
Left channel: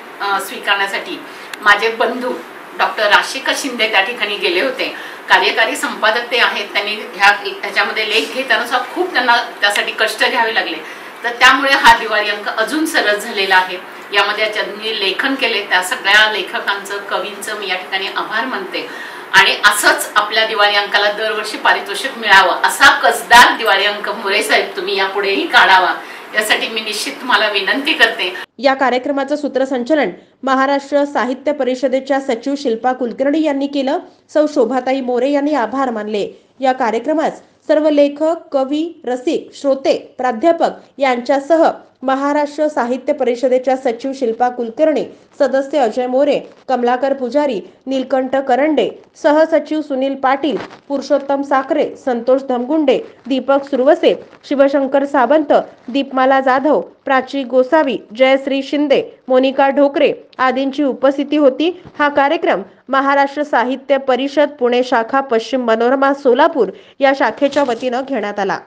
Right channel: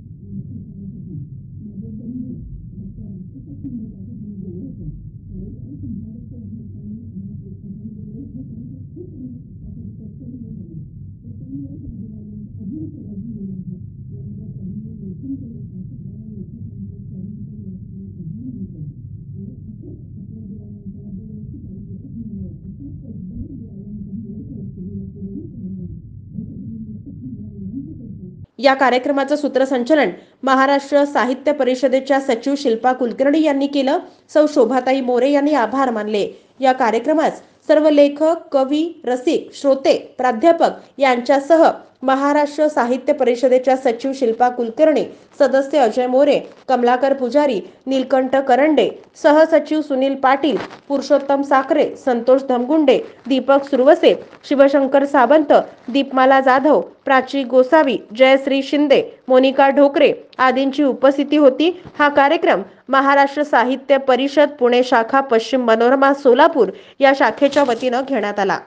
स्वीकारण्यासाठी माझे बंधू डॉक्टर राशिका शिंदे त्या ठिकाणी गेले होते. कार्यकारी संपादक ते आहेत. त्यांनी ह्याच्यामध्ये लेख घेताना खूप त्यांना त्यासाठी कष्ट घ्यावे लागले. तर त्यामुळे हा दिवाळी अंक अजून सरस झालेला आहे. यामध्ये ज्यांनी लेखन केले त्या सगळ्या लेखकांचं, कवींचं मी या ठिकाणी आभार मानते. आणि असंच आपल्या दिवाळी अंकाला दरवर्षी पारितोषिक मिळावं असा कसदार दिवाळी अंक मोरे साहेब तुम्ही यापुढेही काढावा, यासाठी मी निश्चित तुम्हाला विनंती करते. या कार्यक्रमाचं सूत्रसंचालन महाराष्ट्र साहित्य परिषदेच्या सचिव शिल्पा कुलकर्णी यांनी केलं. सौ शोभाताई मोरे यांनी आभार मानले. या कार्यक्रमात सर्व लेखक, कवी, रसिक, श्रोते, प्राध्यापक यांच्यासह महाराष्ट्र साहित्य परिषदेच्या सचिव शिल्पा कुलकर्णी, सदस्य अजय मोरे, कमलाकर पुजारी, नीलकंठ करंडे, सहसचिव सुनील पाटील, पुरुषोत्तम साखरे, संतोष धमगुंडे, दीपक सुरवसे, शिवशंकर सावंत, दीपमाला जाधव, प्राची गोसावी, जयश्री शिंदे, मोनिका ढोकरे आदींची उपस्थिती होती. हा कार्यक्रम महाराष्ट्र साहित्य परिषद पुणे शाखा पश्चिम मनोरमा सोलापूर या शाखेच्या वतीनं घेण्यात आला.